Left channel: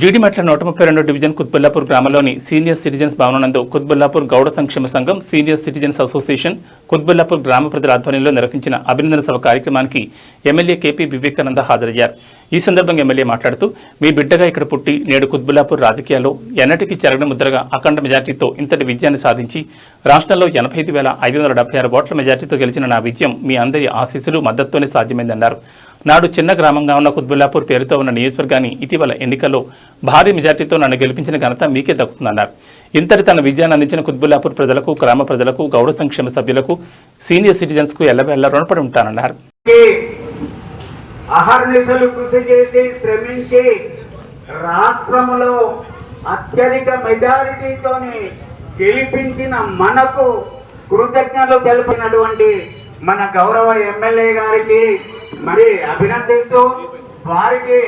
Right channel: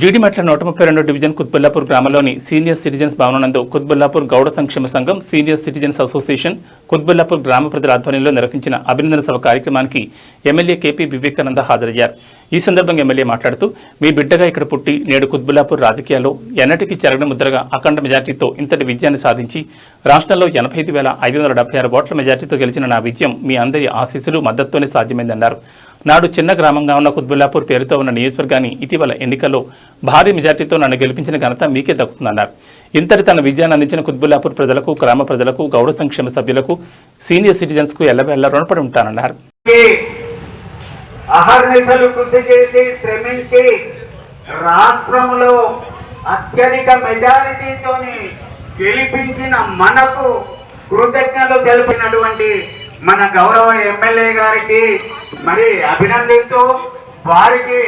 Jeedimetla 132 division Quthbullapur గ్రామంలోని senior citizens భవనంనందు Quthbullapur Gowda సంక్షేమ సంఘం సీనియర్ సిటిజన్స్ అసోసియేషన్ కుత్బుల్లాపూర్ గ్రామ ప్రజల ఆధ్వర్యంలో నిర్వహించిన అభినందన సభ కార్యక్రమానికి ఎమ్మెల్యే కేపీ వివేకానంద హాజరయ్యారు. ఈ సందర్భంగా ఎమ్మెల్యే మాట్లాడుతూ, మీ బిడ్డగా ఇక్కడ పుట్టి నేడు కుత్బుల్లాపూర్ రాజకీయాల్లో ఎన్నటికీ చెరగని ముద్రగా అఖండ మెజార్టీతో ఇంతటి విజయాన్ని సాధించి రాష్ట్రంలో 85,576 ఓట్ల మెజార్టీతో గెలిచిన నా విజయం మీ అందరి ఆశీస్సులు మద్దతుతోనే సాధ్యమైందన్నారు. నాడు చిన్న గ్రామంగా ఉన్న కుత్బుల్లాపూర్ పేరుతో ఉన్న నియోజకవర్గాన్ని ఇటీవల ఎన్నికల్లో భారీ మెజార్టీతో నన్ను గెలిపించిన ఘనత మీకే దక్కుతుందన్నారు. ఇంతటి తన విజయాన్ని అందించిన కుత్బుల్లాపూర్ ప్రజలకు, గ్రామ ప్రజలకు, గౌడ సంక్షేమ సభ్యులకు, సీనియర్ సిటిజన్స్ కు ఎల్లవేళ రుణపడి ఉంటానన్నారు. అహర్నిశలు కృషి చేసి శ్రమించి రాష్ట్రంలో అత్యధిక మెజారిటీతోని గెలిపించిన మనకు కృతజ్ఞతలు తెలిపినటువంటి మన గౌరవ ఎమ్మెల్యే గారికి మరి అభినందిస్తూ, వారికి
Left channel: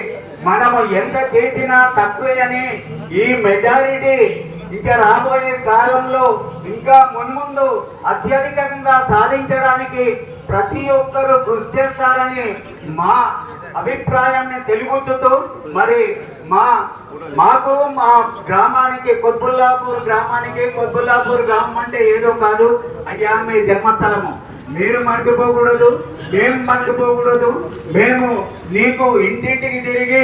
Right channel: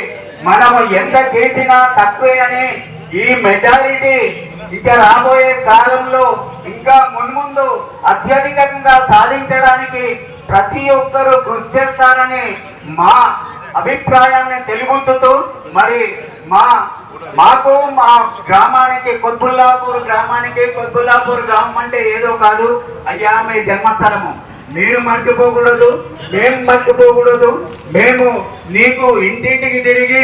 మనము ఎంత చేసినా తక్కువే అని, ఈ మెజారిటీ ఇంకా రాబోయే కాలంలో ఇంకా మున్ముందు అత్యధికంగా సాధించడానికి ప్రతి ఒక్కరూ కృషి చేస్తారని మా అభిప్రాయాన్ని తెలుపుతూ, మరి మాకు మా గ్రామానికి కుత్బుల్లాపూర్ గ్రామం అంటే ఏదో కాదు అయ్యా, మీ జన్మస్థలము. మీరు మర్చిపోకూడదు, మేము మర్చిపోకూడదు. మేము నీకు ఇంటింటికి తిరిగి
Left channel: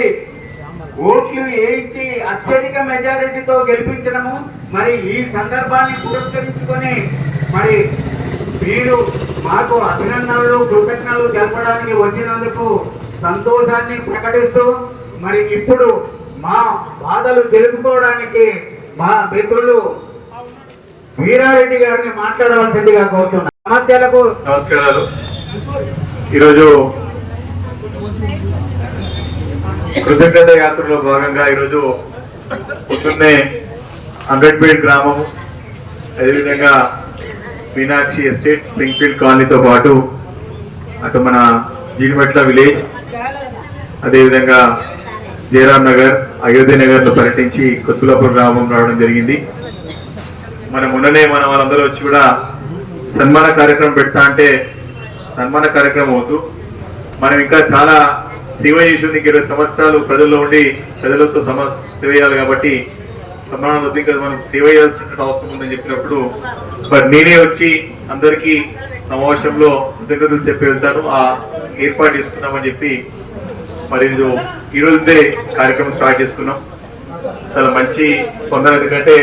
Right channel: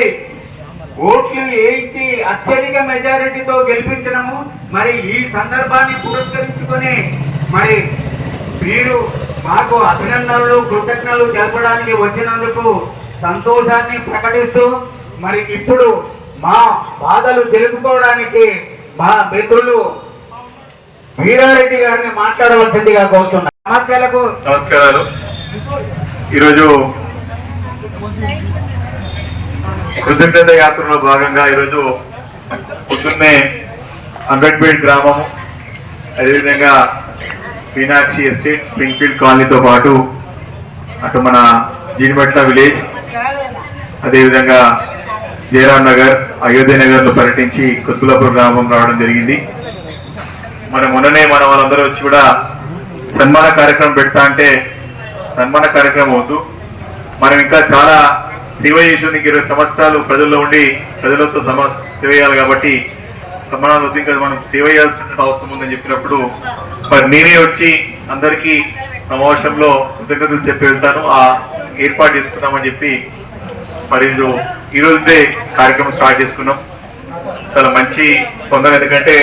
ఓట్లు వేయించి అత్యధిక మెజారిటీతో గెలిపించడము. మరి ఈ సందర్భాన్ని పురస్కరించుకొని మరి మీరు మాకు అభినందనలు, కృతజ్ఞతలు తెలపడానికి వచ్చినందుకు సంతోషాన్ని ప్రకటిస్తూ, మరి ఇప్పుడు మా బాధలు తెలుపుకోవడానికి మా మిత్రులు వీరారెడ్డి గారిని మాట్లాడవలసిందిగా కోరుతున్నారు. సమస్యలకు నమస్కారాలు. ఈరోజు కృతజ్ఞత యాత్రలో భాగంగా ఈరోజు పొద్దున్నే అంగడ్పేట్ గ్రామము, అదేవిధంగా మీనాక్షి ఎస్టేట్, స్ప్రింగ్ఫీల్డ్ కాలనీతో పాటు అటు మన జీడిమెట్ల విలేజ్, అదేవిధంగా జయరాం నగర్, అయోధ్య నగర్లో పర్యటించి కుత్బుల్లాపూర్ గ్రామం రావడం జరిగింది. మొన్ననే వాళ్ళందరూ వచ్చి కూడా సన్మాన కార్యక్రమం పెడతా అంటే సన్మాన కార్యక్రమం వద్దు, మనం ఇంకా చాలా సేవ చేసింది. 20 సంవత్సరాలు ప్రజల్లో ఉండి ప్రజలతో సేవ చేయాలి కాబట్టి సన్మానాలు వద్దు, ఇంకా మనం సేవ చేయాల్సిన అవసరం ఉందని చెప్పినప్పుడు మరి నేనే వచ్చి అందరికీ సమావేశంలో కృతజ్ఞతలు చెప్పి వెళ్తాను, ఆ ఏర్పాటు చేసుకున్నామని చెప్పి మరి ఈరోజే కార్యక్రమం స్టార్ట్ చేసుకున్నాం. చాలా మంచి స్పందన. ఎందుకంటే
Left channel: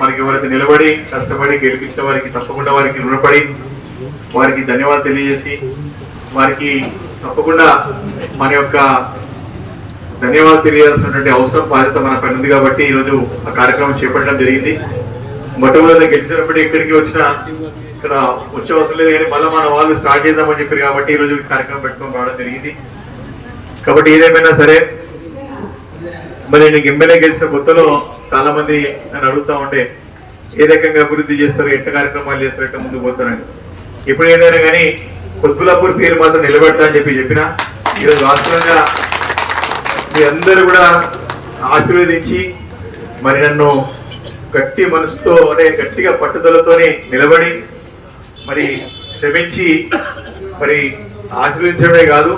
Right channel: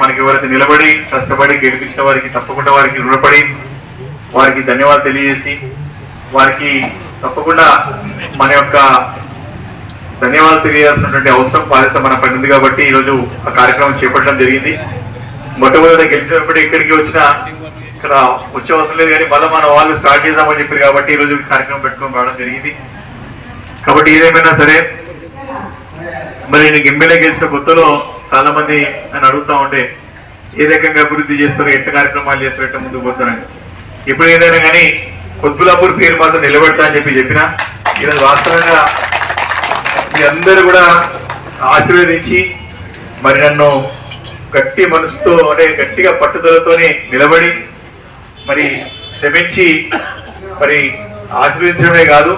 మనకి ఎవరైతే నిలబడి కష్టపడి గెలిపించిన వారికి తప్పకుండా వారికి రుణపడి వారికి ధన్యవాదాలు తెలియజేసి, వారికి తప్పకుండా మన యొక్క ధన్యవాదాలు తెలియాల్సినటువంటి అవసరం, బాధ్యత మన పని ఉంది కాబట్టి ఈరోజు ఆ కార్యక్రమం చేపట్టడం జరిగింది. మొట్టమొదటి గెలిచినప్పుడు ఎక్కడికి వచ్చినా ఇక్కడ వచ్చే అవసరం లేదు, కానీ మళ్ళీ మన వాళ్ళు స్టార్ట్ చేద్దామని చెప్పారు కాబట్టి ఈరోజు కార్యక్రమం పెట్టుకొని రావడం జరిగింది. కాబట్టి ఏదేమైనా సరే, మరి నీకు ఎమ్మెల్యే గెలిచిన కొత్తలో చాలా మంది నన్ను అడుగుతా ఉంటే ఏ రకంగా అభివృద్ధి చేస్తారు, ఎట్లా కార్యక్రమాలు చేస్తారు, ఎట్లా ముందుకు పోతారని. ఎప్పుడు ఏదైనా కానీ కుత్బుల్లాపూర్ పేరు మాత్రం నిలబెడతా అని చెప్పిన ఈరోజు వాస్తవంగా మీ అందరూ కూడా ఆశీర్వదించి మరి నన్ను గట్టి మనసుతో అంటే గట్టిగా పట్టుదలతోనే నిలబడి మరి శ్రమించి మరి ఆశీర్వదించడమే కాదు,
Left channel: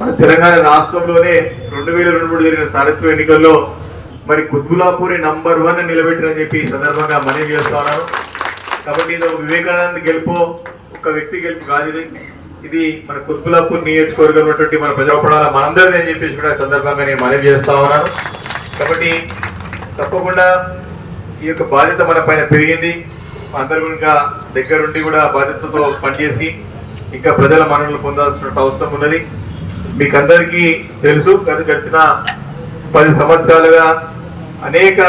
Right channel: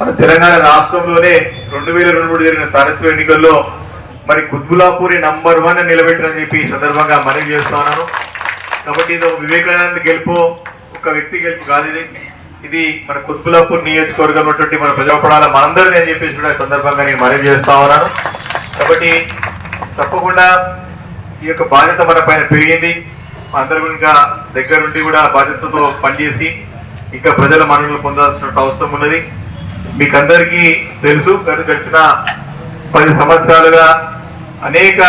మన తెలంగాణ రాష్ట్రంలోనే 2023 జరిగిన సారథ్య ఎన్నికల్లో మరి కుత్బుల్లాపూర్ నంబర్ 1 నిలబెట్టారని చెప్పి ఈ సందర్భంగా మనవి చేస్తున్నాను. కాబట్టి ఇది వివేకానంద గెలుపు, ఒక వ్యక్తి గెలుపు కాదు, ఇది మన కుత్బుల్లాపూర్ నియోజకవర్గం ఉన్నటువంటి మన ప్రజాపడాల మనందరినీ అని చెప్పేసి కూడా సందర్భంగా నేను మనవి చేస్తా ఉన్నాను. కాబట్టి తప్పకుండా ఈ యొక్క బాధ్యత మన పైన పెరిగింది. అందరూ ఇంకా దగ్గరుండి కూడా బాధ్యతతో పనిచేసి ఇంకా ప్రజల మన్ననలు పొందాల్సిన అవసరం ఉన్నది. మీకు అందరికీ తెలుసు, గడిచిన 10 సంవత్సరాలుగా అనేక